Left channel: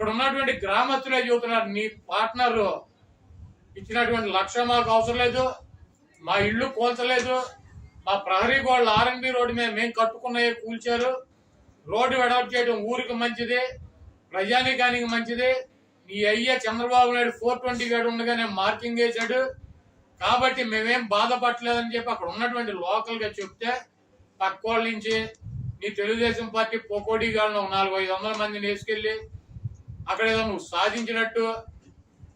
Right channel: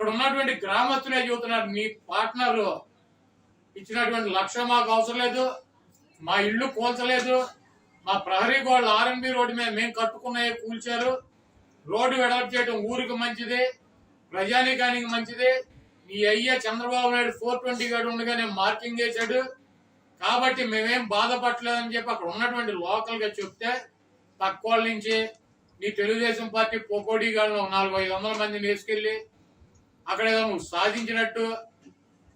అక్కడ ఉన్నటువంటి గ్రామస్తులే చెబుతున్నారు? నీ పార్ట్నర్ ఇచ్చినటువంటి లక్ష మాకు అవసరం లేదు. మా ఇల్లు కూల్చలేదు మా ప్రహరీ గోడలు ఆర్ఎన్బి రోడ్డు మీద మేము కట్టుకున్నవి కూల్చారు. రోడ్డు వెడల్పు చేయడం ఊరికి మంచిది. ప్రజానికానికి మంచిది. నీ అయ్య చంద్రబాబు నాయుడు ఫోర్ ట్వంటీ గడు ఉండగానే మార్కింగ్ వేశాడు కాబట్టి మేమేం బాధపడలేదని చెప్పి అక్కడ ఉన్నటువంటి లోకల్గా చెప్తే పక్కోళ్ళ వాళ్ళ నుంచి నీ తెలుగుదేశం పార్టీ పోకోడీ గాలను నాలుగు ఐదు వందల మందిని వేసుకెళ్ళి అక్కడ ఏదో నువ్వు సాధించినట్టు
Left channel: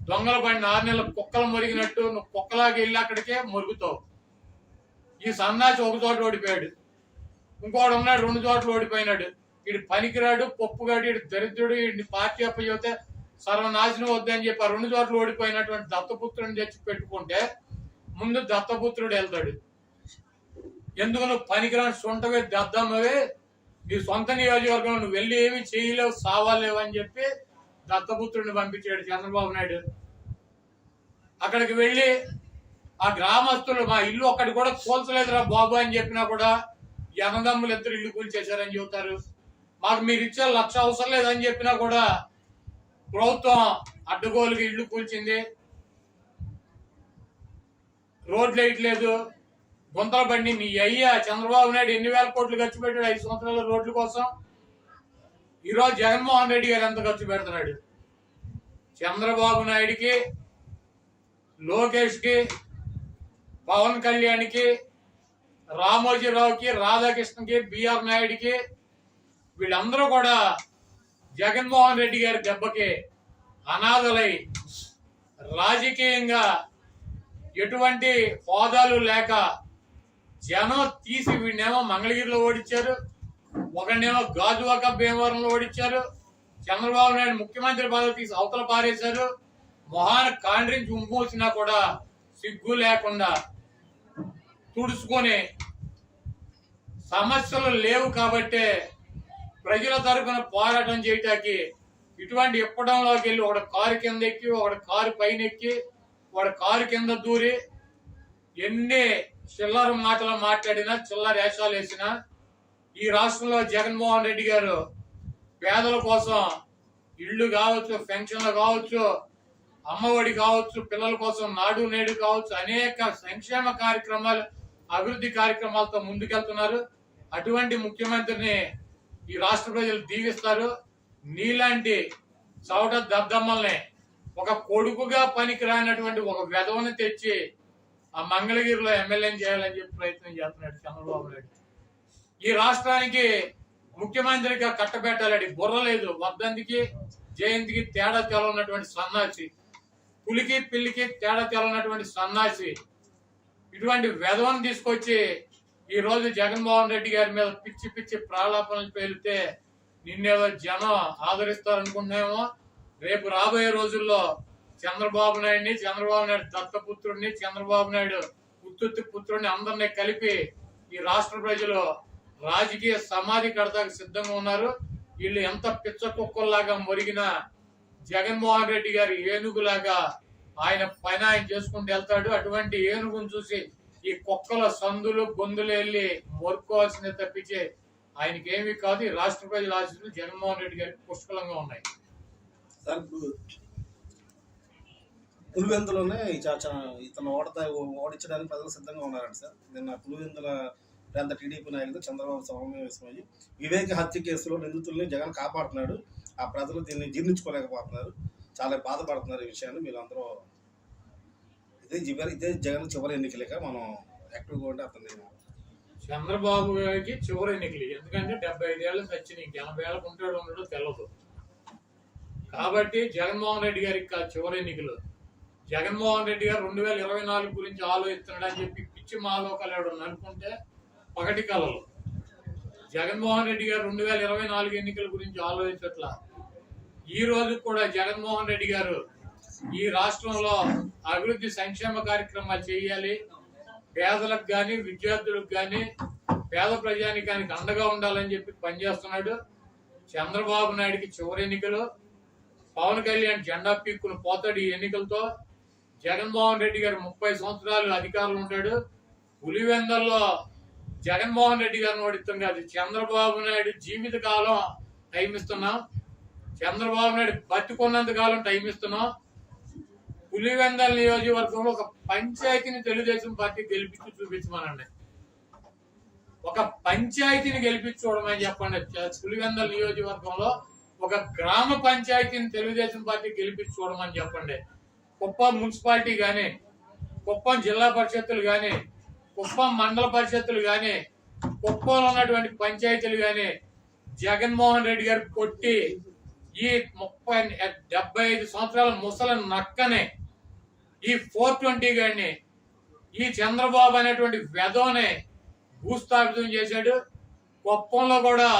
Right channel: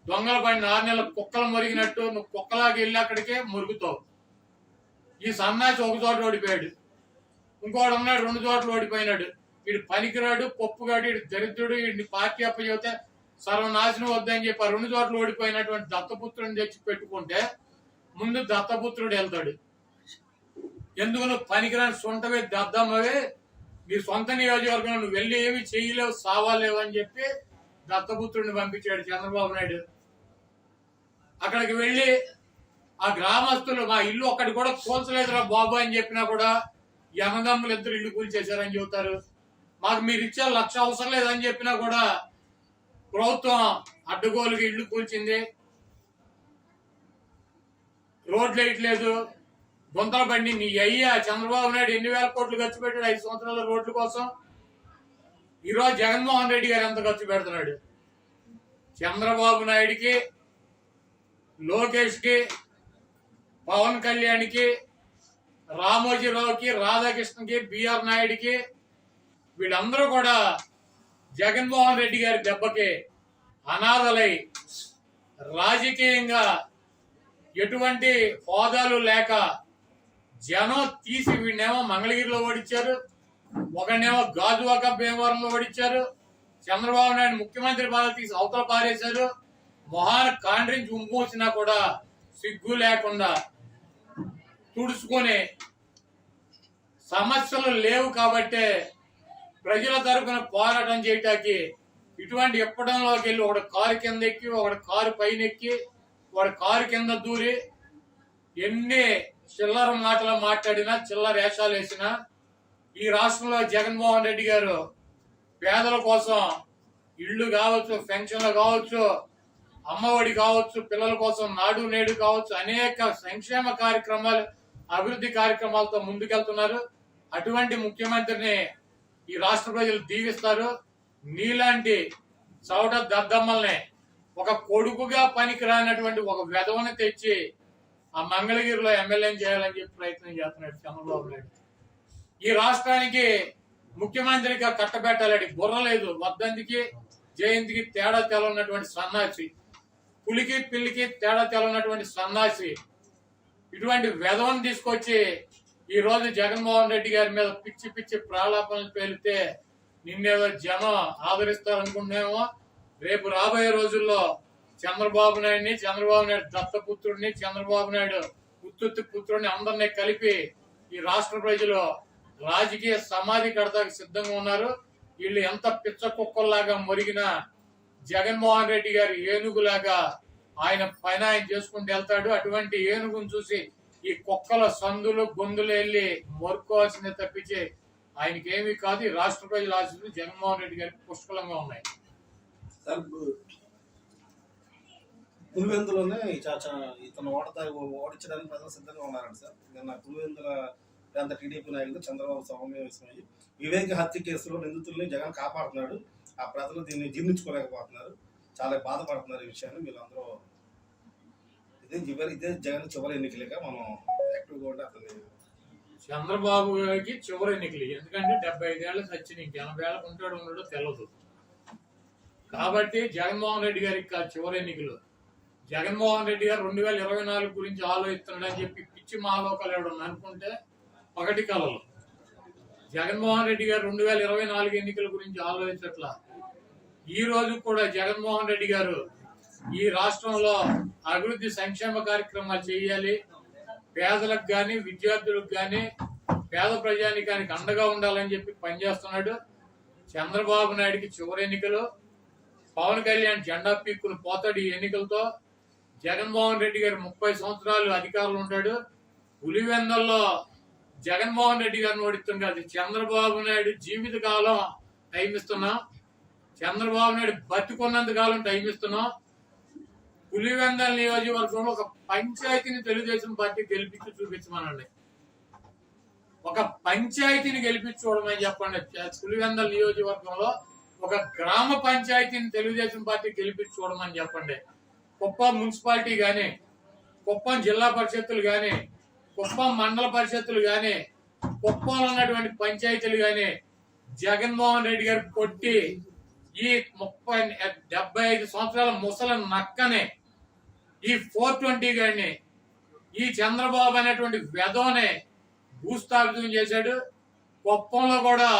దొంగల పడిన ఆరు నెలల కుక్కలు మురిగినట్టు నువ్వు కుక్కలాగా వెళ్ళి అక్కడికే మురుగుతావు. ఈ సన్నాసి ఒక చోట ఓడిపోయాడు. ఇంకోడు ఉన్నాడు రెండు చోట్ల ఓడిపోయినాడు. వీడు పనికిరాడు పప్పుగాడు వీడు దరిద్రుడు వీడిని పార్టీ అప్పచెబితే సర్వనాశనం వద్దని చెప్పి ఆ రెండు చోట్ల ఓడిపోయినటువంటి దత్తపుత్రుని తెచ్చి పెట్టుకుంటే ముందు దత్తపుత్రుడు వెళ్తాడు. ఎందుకు నువ్వు పనికిరాని సొంతవే దద్దమ్మవే? నీ సొంత నియోజకవర్గంలో నువ్వు వెళ్ళి ఏమి చేయలేవు సావాలేవు అని చెప్పి దత్తపుత్రుడిని పంపించాడు చంద్రబాబు నాయుడు. అక్కడికి వెళ్ళి ఆ గ్రామస్తులు మా ఇల్లు ఒక్కటి కూడా కూల్చలేదురా బాబు అని చెప్పినా కూడా ఈ ఇద్దరు ఇల్లు కూల్చేశారని చెబుతారు. మాకు మీరు ఇచ్చే లక్ష అవసరం లేదని చెప్పినా కూడా ప్రభుత్వం అడ్డగోలుగా ఇల్లు కూల్చింది. రోడ్లు వేయట్లేదు. గుంతల బండి మీ అయ్యా చంద్రబాబు నాయుడు ఎన్ని వేల కోట్లు ఖర్చు పెట్టాడు? ఐదు సంవత్సరాల రోడ్ల కోసం. ఈరోజు జగన్మోహన్ రెడ్డి గారు ఎంత ఖర్చు పెడుతున్నాడు? చంద్రబాబు నాయుడికి లోకేష్కి పవన్ కళ్యాణ్కి రామోజీరావుకి రాధాకృష్ణకి బిఆర్ నాయుడికి వీళ్ళందరూ కూడా జగన్మోహన్ రెడ్డి గారి దెబ్బకి అనాథలై రాజకీయంగా ఎటువంటి హోదాలు లేక జనం తీసి వీడినేమో మంగళగిరిలో ఓడించారు. ఒకనేమో గాజువాక భీమవరంలో ఓడించారు చంద్రబాబు నాయుడు ముఖ్యమంత్రి పదవి తీసి అవతల పారేశారు. మొహాన కాండ్రించి ఉంపూసినా కూడా సిగ్గు లేకుండా తుడుచుకొని సమస్యలు లేవు కాబట్టే ప్రజల తరఫున పోరాటం చేయటానికి ఇటువంటి ఎప్పడంలోకి వెళ్ళి ఒకడు కారు కింద ఎక్కి ఒకడు కారు పైన ఎక్కి వాడు కారు కింద దూరి ఎన్ని చిల్లర మాటలు మాట్లాడినా చిల్లర వేషాలు వేసినా ఈ రాష్ట్రంలో జగన్మోహన్ రెడ్డి గారు పేదల కోసం ఇళ్ళు కావచ్చు పెన్షన్లు కావచ్చు అమ్మఒడి కావచ్చు పిల్లల కోసం నాడు నేడు కావచ్చు అనేక సంక్షేమ కార్యక్రమాలు అభివృద్ధి కార్యక్రమాలతో ముందుకెళ్తున్నారు. అటువంటి ముఖ్యమంత్రిని ఈ రాష్ట్ర ప్రజలు దీవిస్తారు. నీలాంటి చౌట దద్దమ్మల్ని ఒక కొడుకుగా పనికి రానటువంటి ఒక వెధవని తెచ్చి ఆ మంగళగిరిలో ఎమ్మెల్యేని చేయాలని చెప్పి ప్రయత్నం చేస్తున్నాడు చంద్రబాబు నాయుడు. ఈ రాష్ట్రానికి ముఖ్యమంత్రిగా కట్టబెట్టాలని బుర్ర లేదు. వర్ధంతికి జయంతికి తేడా తెలన్నటువంటి సన్నాసి పులికి పిల్లికి తేడా తెలన్నటువంటి సన్నాసి ఇటువంటి వెధవను తీసుకొచ్చి ఈ రోజు జగన్మోహన్ రెడ్డి గారి మీద పిచ్చి పిచ్చి ప్రాలాపనలు పేలితే నిన్నేదో జనం ఆదరిస్తారనుకుంటున్నామో. రేపు రాబోయే రోజుల్లో చంద్రబాబు నాయుడిని చంద్రబాబు నాయుడు దత్తపుత్రుడిని చంద్రబాబు నాయుడు ఉత్తుత్తి పుత్రుడిని అందరినీ కలిపి ఈ రాష్ట్ర ప్రజలు రాజకీయ సమాధి కడతాకు సిద్ధంగా ఉన్నారు. వీళ్ళు ఎంత పిచ్చ కుక్కల్లాగా మొరిగిన జగన్మోహన్ రెడ్డి గారి ఏనుగులాగా ఆయన పైన ఆయన చేసుకుంటూ వెళ్తాడు. అటువంటి ఏనుగును చూసి ఈ కుక్కల సందులు గొంతులు వెళ్ళి మొరుకోవాల్సింది తప్పించి ఆయనకి ఏమీ కాదు ఈ రాష్ట్ర ప్రజల ఆశీస్సులు జగన్మోహన్ రెడ్డి గారికి పుష్కలంగా ఉన్నాయి. సార్ పులివెందులోనే ఈ ఇతను ఓడతా ఓడించడానికి ప్రజలు సిద్ధంగా ఉన్నారండి సార్. నిన్న పులివెందుల ప్రాంత టీడీపీ నాయకుడు చంద్రబాబు సమావేశమయ్యి వివేక హత్య కేసులో నిందితుల్ని జగన్ కాపాడుతున్నాడు. ఆ ప్రజలు దీన్ని జీర్ణించుకోలేకపోతున్నారు. చాలా బాధపడుతున్నారు ఈ విషయాన్ని మీరు అందరూ ఇదే చివరి ఇదే జగన్ చివరి ఎన్నికలేక మనం యాక్టివ్గా ఉంటే అతన్ని చంద్రబాబు గారికి చివరి ఎన్నికలు. ఎందుకంటే డెబ్బై ఐదేళ్ళు సచ్చిన ఇంక ఎనభై ఏళ్ళకు ఉంటాడు ఉండడో తెలియదు కాబట్టి జగన్మోహన్ రెడ్డి గారికి కాదు చివరి ఎన్నికలు. జగన్మోహన్ రెడ్డి గారు రెండు వేల ఇరవై నాలుగు గురించి ఆలోచిస్తున్నాడు అని చెప్పి పిచ్చి మాలోకాలు అనుకుంటే పగటి కలలు. జగన్మోహన్ రెడ్డి గారు రెండు వేల ఇరవై నాలుగు ఎన్నికల గురించి ఆలోచించట్ల? ఈ రోజు కూడా జగన్మోహన్ రెడ్డి గారు ఈ రాష్ట్రంలో అభివృద్ధి సంక్షేమ కార్యక్రమాలు చేయాలి. పేదలకు కానీ విద్యార్థులకు కానీ పేద ప్రజానికానికి అండగా ఉండాలని చెప్పి పనిచేస్తున్నాడు. చంద్రబాబు నాయుడికి చివరి ఎన్నికలు. పవన్ కళ్యాణ్ జెండా పీక్కుని పోతాడు ఈ ఎన్నికలతో. జగన్మోహన్ రెడ్డి గారు ముప్పై సంవత్సరాలు అధికారంలో ఉంటాడు పులివెందల్లో జగన్మోహన్ రెడ్డి గారిని ఓడిస్తాం కాదు. చంద్రబాబు నాయుడు జీవిత కాలం టైం ఇస్తున్నాం. చంద్రబాబు నాయుడు బతికున్నంత కాలం టైం ఇస్తున్నాం. పులివెందల నియోజకవర్గంలో ఒక పంచాయతీని తెలుగుదేశం పార్టీ గెలిపించి చూపించమనండి. ఒక పంచాయతీని గెలిపించి చూడమని చెప్పండి. పులివెందల నియోజకవర్గంలో ఒక గ్రామ పంచాయతీని తెలుగుదేశం పార్టీ గెలిపించి చూడమని చెప్పండి. కుప్పం మున్సిపాలిటీ కానీ కుప్పం జిల్లా పరిషత్తులు కానీ కుప్పం మండల పరిషత్తులు కానీ కుప్పంలో ఉన్నటువంటి పంచాయతీలు కానీ జగన్మోహన్ రెడ్డి గారు కొట్టి ఈ ముప్పై డెబ్బై ఐదు సంవత్సరాల ముసల నక్కనే ఈ ఫోర్ ట్వంటీ గారిని ఈ చంద్రబాబు అనేటువంటి వెధోనే భూస్థాపితం చేశాడు. కుప్పంలో కూడా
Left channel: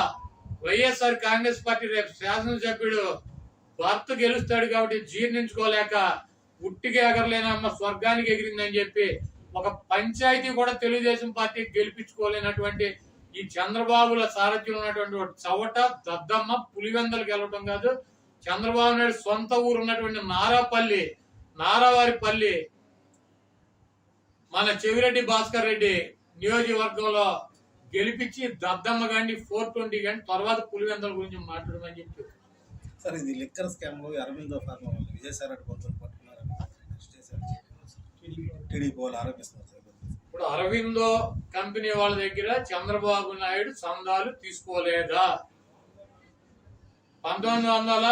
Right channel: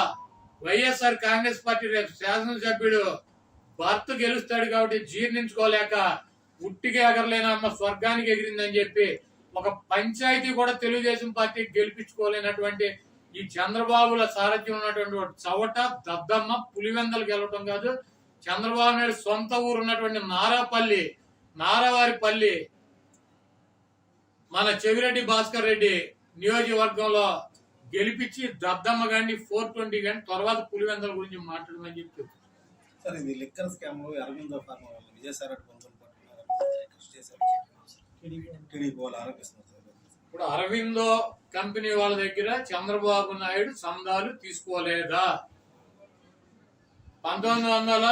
వైఎస్ఆర్ కాంగ్రెస్ పార్టీ రేపు శాసనసభ్యుడు భర్త గెలుస్తాడు కాబట్టి జీర్ణించుకోలేక ఉట్టికి ఎగరలేనమ్మ స్వర్గానికి ఎగిరిందని చెప్పి ఒక పంచాయతీ కూడా తెలుగుదేశం పార్టీ గెలిపించుకోలేనటువంటి ఈ చంద్రబాబుల సారథ్యం ఉన్నటువంటి చవట దద్దమ్మ పులివెందలు గెలవటం కాదు. చంద్రబాబు నాయుడు సొంత ఊరు ఉన్నటువంటి నారాపల్లి నారావారిపల్లి మన చెవిరెడ్డి భాస్కర్ రెడ్డి నియోజకవర్గంలో గెలిపించి దద్దమ్మ గాని ఫోర్ ట్వంటీ గాని తర్వాత పులివెందల గురించి మాట్లాడమని చెప్పి. సార్ ఇది లిక్కర్ స్కామ్లో అరవిందో ఫార్మా వాళ్ళు విజయసాయి రెడ్డి కొంచెం పట్టుకున్నారు టీడీపీ వాళ్ళు ఆరోపిస్తున్నారు ఇప్పుడు అరవిందో కంపెనీ వాళ్ళ దగ్గర చంద్రబాబు నాయుడు సందాలు తీసుకోలేదా? పంతొమ్మిది వందల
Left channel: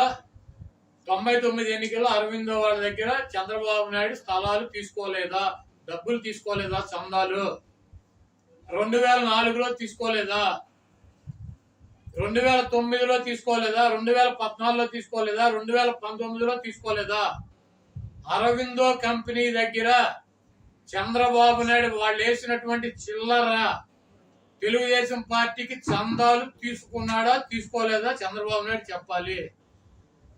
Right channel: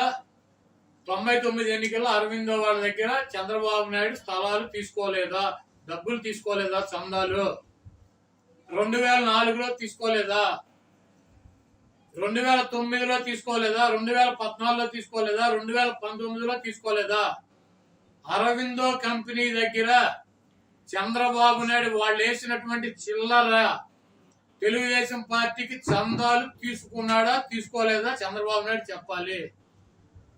తొంభై తొమ్మిది ఎన్నికల్లో అరవిందో వాళ్ళ దగ్గర చంద్రబాబు నాయుడు స్థలాలు తీసుకోలేదా? డబ్బులు తీసుకోలేదా చందాలు? రెండు వేల నాలుగులో తీసుకోలేదా? రెండు వేల తొమ్మిదిలో తీసుకోలేదా? రెండు వేల పద్నాలుగులో తీసుకోలేదా? రెండు వేల పంతొమ్మిదిలో తీసుకోలేదా? అరవిందో కంపెనీ దగ్గర చంద్రబాబు నాయుడు వాళ్ళు వేసినటువంటి చిల్లర తెలుగుదేశం పార్టీకి చందాలు తీసుకున్నాడా తీసుకోలేదా చంద్రబాబు నాయుడు చెప్పాలి.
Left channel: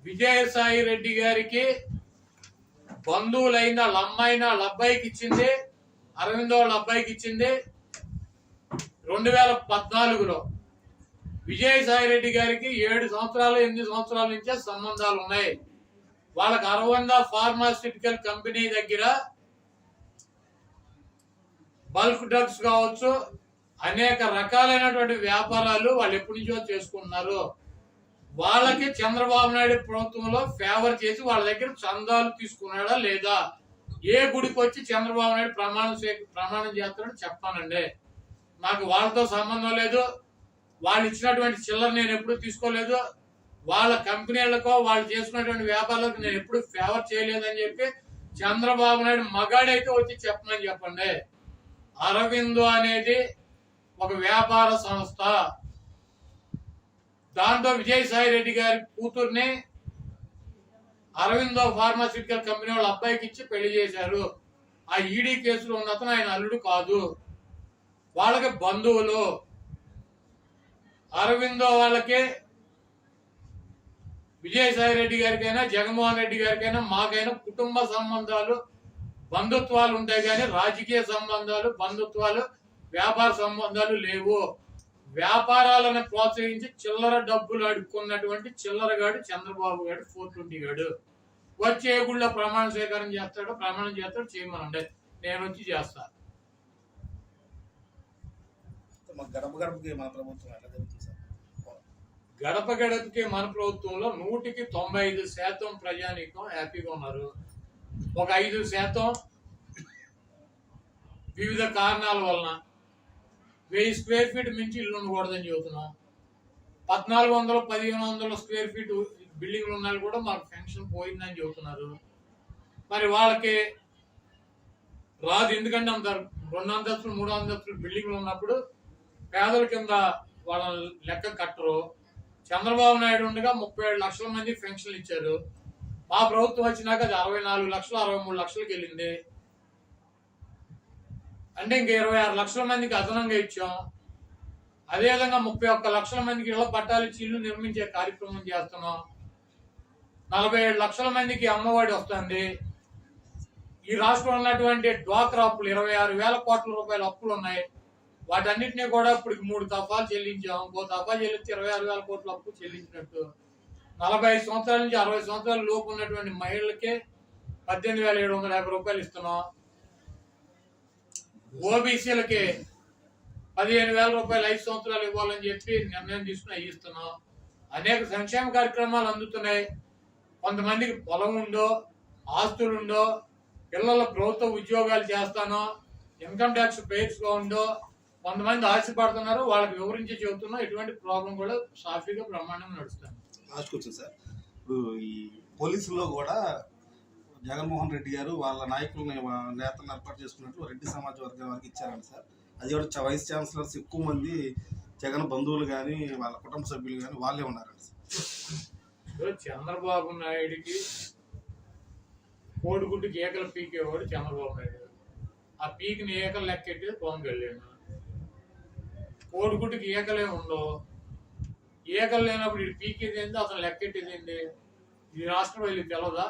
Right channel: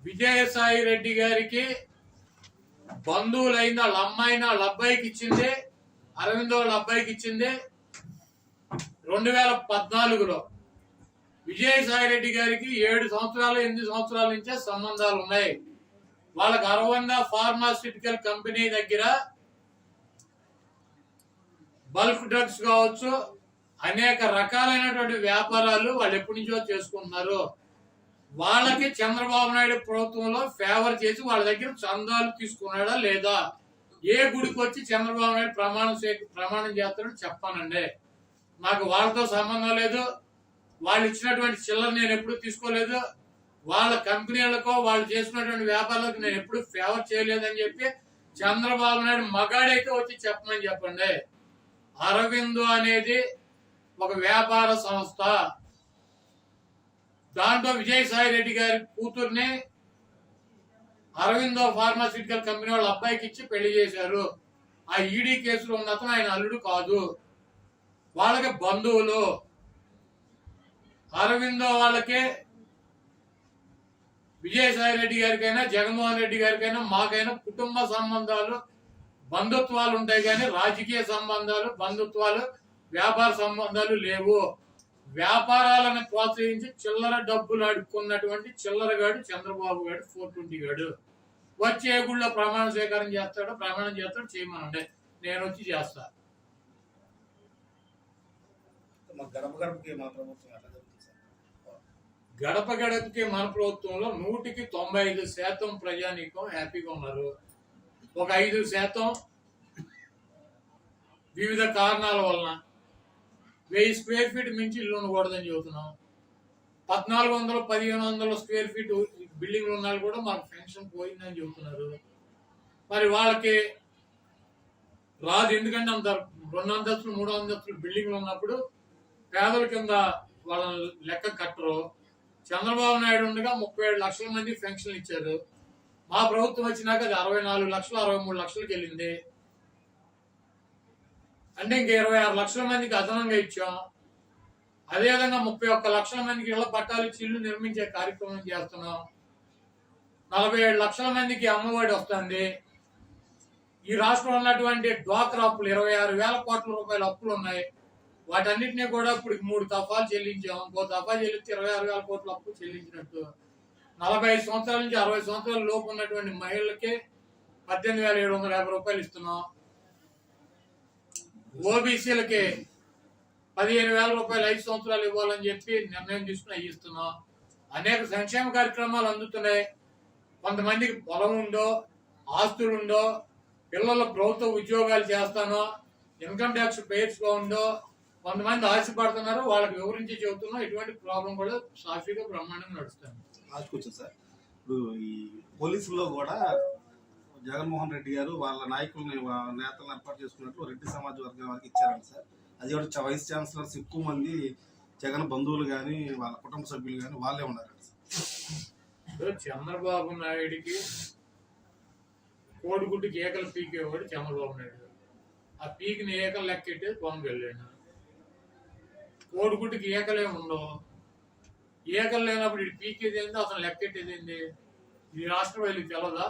విజయసాయి రెడ్డి గారికి బంధువులైన వాళ్ళ అమ్మాయిన వాళ్ళ అబ్బాయికి ఇచ్చింది అరవిందో వాళ్ళ అబ్బాయికి ఇచ్చింది. రెండు వేల పద్నాలుగులో విజయసాయి రెడ్డి గారికి ఏడు సంవత్సరాలు ఎనిమిది సంవత్సరాల నుంచే సంబంధాలు ఉన్నాయి. వాళ్ళకి అరవంద ఫార్మాస్యూటికల్ కంపెనీ దగ్గర బల్క్ డ్రగ్స్ కావచ్చు అనేక రకాలైనటువంటి వ్యాపారాలు వాళ్ళు ఎప్పటి నుంచో చేసుకుంటున్నారు. వాళ్ళకి చంద్రబాబు నాయుడు ప్రభుత్వంలో ఫేవర్ చేసి వాళ్ళ దగ్గర చందాలు తీసుకున్నాడా లేదా? ఏ గుడికి వచ్చి చంద్రబాబు నాయుడు ప్రమాణం ప్రమాణం చేస్తాడో చెప్పానండి. నాకు వాళ్ళతో సంబంధం లేదు. వాళ్ళు ఇచ్చినటువంటి చిల్లర నేను ఎప్పుడు తీసుకోలేదు. వాళ్ళ కంపెనీలకో వాళ్ళు చేసుకున్నటువంటి వ్యాపారాలకు నేను ఎప్పుడు ఫేవర్ చేయలేదని చెప్పి చంద్రబాబు నాయుడు మగాడైతే వచ్చి చెప్పమని చెప్పండి. అరవిందో అనేది ఒక వ్యాపార సంస్థ. దాంట్లో విజయసాయి రెడ్డి గారి కూతుర్ని అరవిందో ఫార్మాసిటికల్ కంపెనీ వాళ్ళ అబ్బాయికి ఇచ్చి పెళ్ళి చేశారు. ఆ ఈడీ కేసులో ఉన్న అతను ఆయన అల్లుడు కాదు. వాళ్ళకి బంధువులు. అరవిందో వాళ్ళకి విజయసాయి రెడ్డి గారికైనా జగన్మోహన్ రెడ్డి గారికైనా మాకైనా కుటుంబ సంబంధాలు బంధుత్వాలు ఉంటాయి కానీ రాజకీయ సంబంధాలు బంధుత్వాలు వ్యాపార సంబంధాలు లేవు. వ్యాపారాలను ప్రోత్సహించి చిల్లర డబ్బులు అడుక్కున్నటువంటి చిల్లరగాడు చంద్రబాబు గారు ఫోర్ ట్వంటీ గాడు. వచ్చే గుళ్ళో ప్రమాణ స్వీకారం చేస్తాడు ప్రమాణం చేస్తాడు చేయమనండి. నేను వచ్చి చేస్తాను గడప గడపకి మా ప్రభుత్వం జరుగుతుంది గడప గడపకి మన ప్రభుత్వంలో నూటికి తొంభై ఐదు శాతం ప్రజానీకం హ్యాపీగా ఉన్నారు. ఒక ఐదు శాతం వివిధ కారణాల వలన వెయ్యి స్క్వేర్ ఫీట్ మించి ఇల్లు ఉండకూడదని చెబుతున్నాం. పద్నాలుగు వందలు పదిహేను వందల స్క్వేర్ ఫీట్ బిల్డింగ్లు ఉన్న వాళ్ళు కూడా మాకు పెన్షన్ పోయిందని చెబుతున్నారు. మరి వాళ్ళకి రాదు. ఎందుకంటే అంత రెండు అంతస్తులు మూడు అంతస్తులు బిల్డింగ్లు ఉన్నప్పుడు పేదల కింద వాళ్ళని లెక్క కట్టరు. చంద్రబాబు నాయుడు ఉండగా ముప్పై ఏడు లక్షల మంది పెన్షన్లు ఇచ్చారు. మా ప్రభుత్వం వచ్చినాక అది అరవై నాలుగు లక్షలు అరవై మూడు లక్షలకు వెళ్ళింది. అంటే ఇంక ఇరవై ఆరు లక్షల మందికి అదనంగా ఇచ్చాం. అదేవిధంగా ముప్పై ఒక్క లక్షల మందికి ఇళ్ళ పట్టాలు ఇచ్చి ఇల్లు నిర్మించే కార్యక్రమం చేస్తున్నాం. నలభై ఏడు లక్షల మందికి అమ్మఒడి వస్తుంది. ఈ రాష్ట్రంలో ఉన్నటువంటి డ్వాక్రా అప్పులు ఇరవై ఆరు వేల కోట్ల రూపాయల అప్పులు ఉన్నాయి. వాటన్నింటినీ కూడా ఇప్పుడు మూడు దఫాలు చెల్లించాం. ఇంకో దఫా చెల్లిస్తే ఇరవై ఆరు వేల కోట్ల అప్పు చెల్లించినట్టు. నలభై ఐదు సంవత్సరాల నుంచి అరవై సంవత్సరాల లోపు ఉన్నటువంటి మహిళలకి పద్దెనిమిది వేల ఏడు వందల యాభై రూపాయలు ఇస్తున్నాం. ఓబీసీలకి పదిహేను వేల రూపాయలు ఐదు సంవత్సరాలు ఇవ్వాలని చెప్పి నిర్ణయం తీసుకుని ఇస్తున్నాం. అనేక సంక్షేమ కార్యక్రమాలు అందుతున్నాయి. కొంతమందికి పొలం ఉందో ఆస్తులు ఉండో పిల్లలు ప్రభుత్వ ఉద్యోగాలు చేస్తానో ఇన్కమ్ ట్యాక్స్ పేర్స్గా ఉందో కొంతమంది ఆశపడుతున్నారు వాళ్ళకి వివరించి చెబుతున్నా ఎటువంటి ప్రాబ్లం కూడా సాఫీగా బ్రహ్మాండంగా నడుస్తుంది. లాస్ట్కి వచ్చింది సార్ ఇప్పుడు ఈ పోలీసుల్లో కూడా జగన్మోహన్ రెడ్డి గారు వాళ్ళ నాయకుల్ని నేతలను ఏర్పాటు చేసుకున్నట్లు రెడ్డి సమాజ వర్గం వారికి ఇచ్చారండి సార్ అది కూడా వైస్ ఛాన్సలర్స్ ఎక్కువ మంది జగన్ బంధువులు కానీ వాళ్ళ కుటుంబ సభ్యులు కానీ వాళ్ళే ఉన్నారండి సార్ చంద్రబాబు నాయుడికి కోడిగుడ్డుకి ఏకలు పీకేవాడు చంద్రబాబు నాయుడు ఆ పీకిని ఏకలు లెక్కెట్టేది పవన్ కళ్యాణ్ కోడిగుడ్డుకి ఏకలే ఉండవు. ఏకలు లేనప్పుడు ఇటు పీకేది ఏంది? అతను లెక్కెట్టేది ఏంది? ఇది రాష్ట్ర వీళ్ళకి తెలదా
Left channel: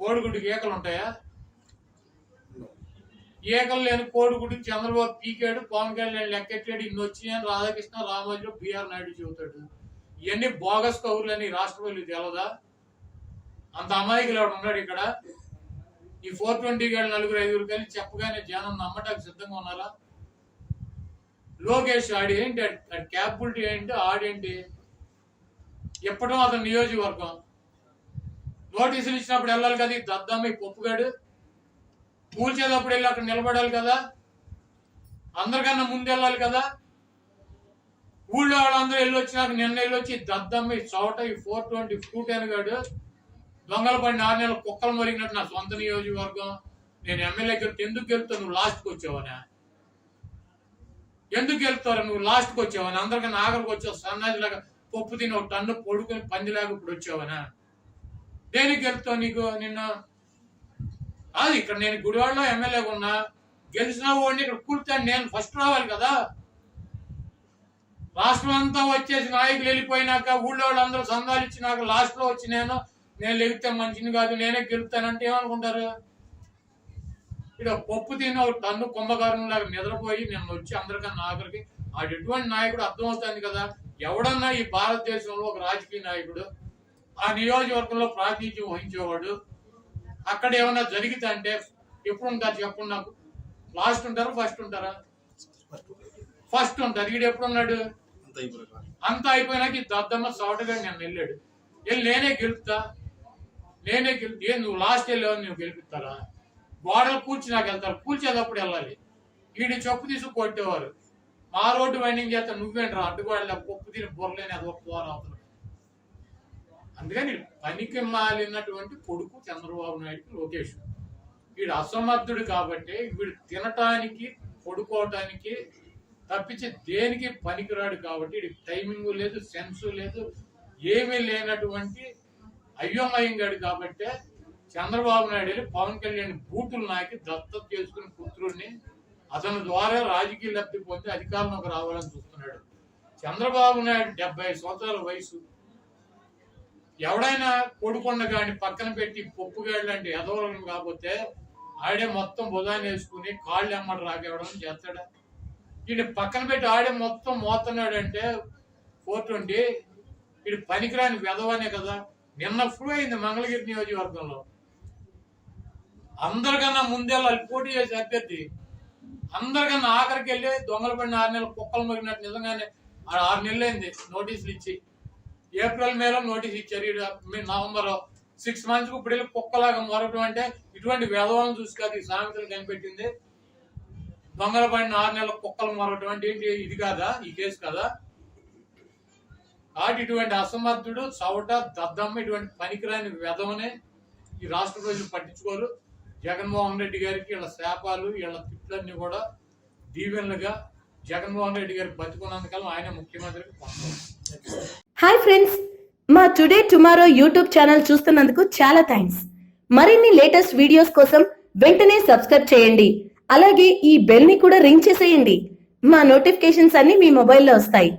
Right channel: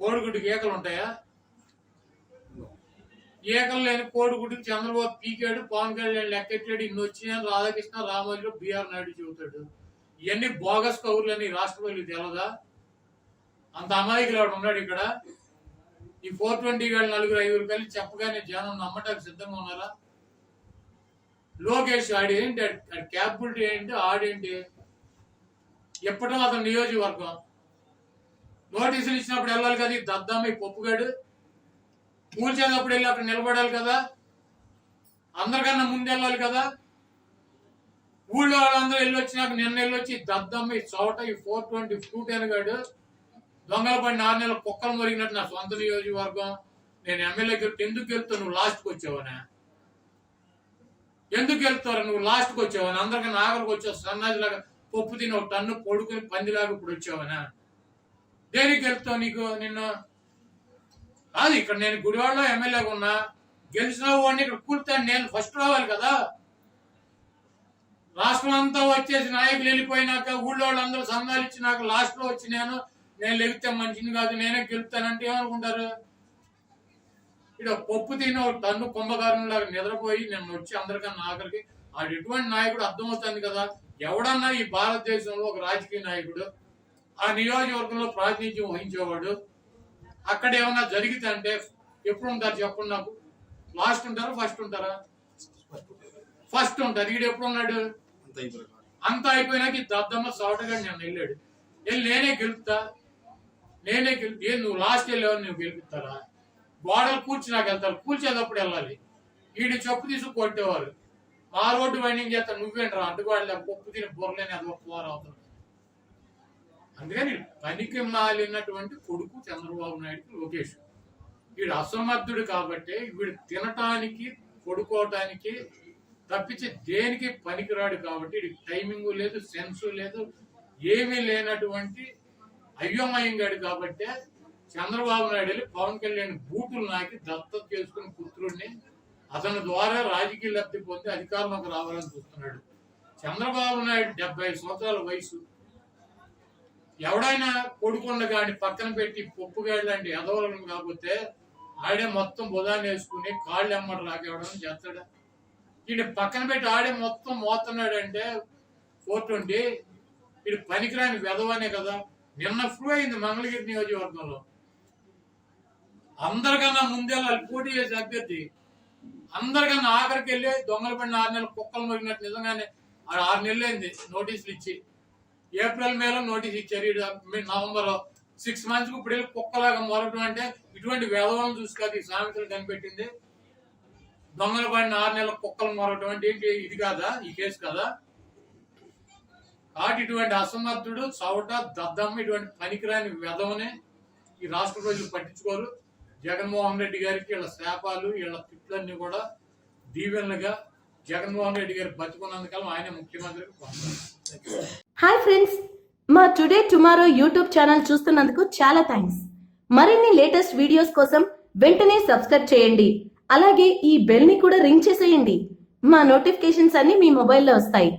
కోడిగుడ్డుకి ఏకలు ఉంటాయా? ఏకలు లేని కోడిగుడ్డుకి చంద్రబాబు పీకాడు పవన్ కళ్యాణ్ లెక్కెట్టాడు ఇన్ని వచ్చినాయని రాధాకృష్ణ రామోజీలో బీఆర్ నాయుడు చెబుతాడు. ఇవన్నీ బోగస్ కౌరులని రాష్ట్రపతి తెలదా అంత అమాయకులు ఎవడు ఉన్నాడు ఇక్కడ? ఈ ఫోర్ ట్వంటీ గారు నలుగురు ఐదుగురు కలిసి చెప్పగానే జనం నమ్మటానికి సిద్ధంగా ఉన్నారా? లోకేష్ ఆడి ఏంటి? ఆడి క్యాపబిలిటీ ఏంటి? ఆడేంటి ఎప్పటో అతని నియోజకవర్గం. నోటీసులు ఇచ్చినప్పుడు వెళ్ళాలి కదా ఈ దద్దమ్మ ఈ పప్పుగాడు? కూల్చేటప్పుడు వెళ్ళి అక్కడ నిలబడాలి కదా? అందరికన్నా ముందు వెళ్ళాలి కదా? ఊళ్ళో వాళ్ళందరూ వెళ్ళి వచ్చినాక నిన్న వెళ్ళొచ్చి దద్దమ్మ ఈ చోట ఈ ఫోర్ ట్వంటీ ఫ్రూట్ అనగాడు దొంగలు పడి నాలుగు నెలల కుక్కలు మరిగినట్టు నా సొంత నియోజకవర్గం. నేను ఎమ్మెల్యేకి వెళ్తే ఎందుకు గెలుపుతా నువ్వు లాస్ట్కి వచ్చావనా? ఎందుకు వెళ్తావు నువ్వు లాస్ట్కి వచ్చావని అందరికీ నాగరికి వచ్చావు? సన్నాజిలాగా పప్పు తిని ఒక టన్ను పొడుకుని పందిలాగా ఇప్పుడు వచ్చావనా? దేనికి వెళ్తావు నీకు నిన్న? కాదు ఇక్కడ నేను గుడివాడలో ఎమ్మెల్యేగా ఉన్నా. గెలిచిన వాడిని ఇక్కడ కూర్తాను నేను ఫస్ట్ రావాలి కదా. రాష్ట్రం అంతా వచ్చేసి నాయకులు వెళ్ళిపోయినాక ఊళ్ళో వాళ్ళందరూ సంఘాలు ఇచ్చినాక లాస్ట్లో వచ్చి నేను నేను లెగితే మంచిది కాదు నేనే గెలుపుతానంటే ఏమనుకుంటారు? ఇక్కడ పప్పు తిని ఒక టన్ను కుంభకారం లాగా నిద్రపోయి నేను వచ్చి అందరికన్నా ఆఖరికి ఆడు ఎటువంటి నాయకుడు అర్థమవుతుంది కదా? ఎవడన్నా ఈ భారతదేశంలో ఒక రాజకీయ నాయకుడు ఆ నియోజకవర్గంలో ప్రాతినిధ్యం వహించేవాడు అక్కడ ఏమన్నా జరిగితే అంటే ఎప్పుడు ఉంటారు చెప్పండి నాకు? లాస్ట్ ఉంటారా ఫస్ట్ ఉంటారా? ఫస్ట్ ఉంటారు. ఈడు ఎప్పుడు ఉన్నాడు? అంత అంతా అయిపోయినాక ఈ దద్దమ్మ సౌటగా నేను వెళ్ళాడు. వెళ్ళి నేనే గెలుపుతా. నేనే గెలుపు ఏ నువ్వు లాస్ట్ వెళ్ళావు నువ్వు గెలిపిస్తారా గోడలు కూల్చినాక వెళ్తారు కూల్చేటప్పుడు వెళ్ళాలి. వీడి చెప్పు తీసుకు కొట్టేవారు. మా రోడ్డు వైండింగ్ చేస్తా నువ్వేంట్రా అడ్డుగోడలే పప్పు తిని బుర్రలేని అది పోరా అవుతాడు అందుకని పనికి మాలినటువంటి కొడుకు చంద్రబాబు నాయుడుకి లోకేష్. వీడు అసమర్థుడు కాబట్టి వీడు తినటానికి పడుకోవటానికి తప్పించి దేనికి పనికిరాడు కాబట్టి వీడికి టైమింగ్ లేదు సెన్స్ లేదు ఏమీ లేనటువంటి అయ్యమయ్యంగాడు కాబట్టి చంద్రబాబు నాయుడు వెళ్ళి పవన్ కళ్యాణ్ బూటులు నాకి దత్తత చేసుకుని పుత్రుడిని అతని ద్వారా రాజకీయ లబ్ధి పొంది అధికారంలోకి రావాలని చూస్తున్నాడు. చంద్రబాబు నాయుడు డెబ్బై సంవత్సరాల వయసు. ఎవడైనా కొడుకొండ గాని పక్కన పెట్టి పప్పుగాడు లాంటి ఎదవలను కాకపోతే ఆడే మొత్తం బుధాన్ని వేసుకుని కాళ్ళు ఎమ్మట రాకేవడం చేస్తాడా? వీడి పక్కన పెట్టి ఆడే మొత్తం మోతున్నాడు అంటే ఫోర్ ట్వంటీ. వీడి పనికిరాని వెదవనే కదా. నిన్న ఫ్లూ అయింది మంగళగిరి నియోజకవర్గంలో. అందరికన్నా ముందే వాళ్ళు పోటీ చేసే అభ్యర్థి అందరికన్నా ఆఖరికి వెళ్ళి దొంగలు పడిన ఆరు నెలలు కుక్కలు మరిగినట్టు నిజంగానే ఆరు నెలలు అయింది నోటీసులు ఇచ్చి. ఏప్రిల్ మేలో నోటీస్ ఇచ్చారు. ఈడ నవంబర్ సిక్స్ మంత్స్కి ఇప్పుడు వెళ్ళి కుక్కలాగా మొరటం అంటే ఇటువంటి వేదవాలను చూసి కాదు ఈ సామెతలు కనిపెట్టింది. దొంగలు పడిన ఆరు నెలల కుక్కలు మొరటం అంటే ఏంటి? ఇది కాదా? ఈ కేసు కదా? కాబట్టి ఇటువంటి అసమర్థుడు చవట దద్దమ్మ ఇటువంటి పనికిరాని వెధవనే ఈ రాష్ట్ర ప్రజలు పట్టించుకోరు. జగన్మోహన్ రెడ్డి గారికి వీళ్ళ శాపాలు వీళ్ళ తిట్లన్నీ కూడా దీవెనలుగా జగన్మోహన్ రెడ్డి గారు బతుకున్నందుకల్లా ఆయన ముఖ్యమంత్రికి పొందారు హాయ్ ఫ్రెండ్స్ మా టుడే టుమారో యూట్యూబ్ ఛానల్ చూస్తున్నందుకు చాలా థ్యాంక్స్. మరిన్ని లేటెస్ట్ వీడియోస్ కోసం వెంటనే సబ్స్క్రైబ్ చేయండి. అలాగే ఈ బెల్ని కూడా రింగ్ చేసేయండి. మా నోటిఫికేషన్స్ అన్ని మీ మొబైల్లో వస్తాయి.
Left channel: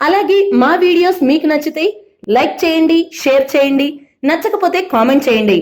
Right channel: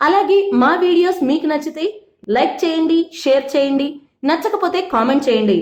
అలాగే మా వీడియోస్ మీకు నచ్చితే లైక్ చేయండి షేర్ చేయండి నచ్చకపోతే కామెంట్ చేయండి.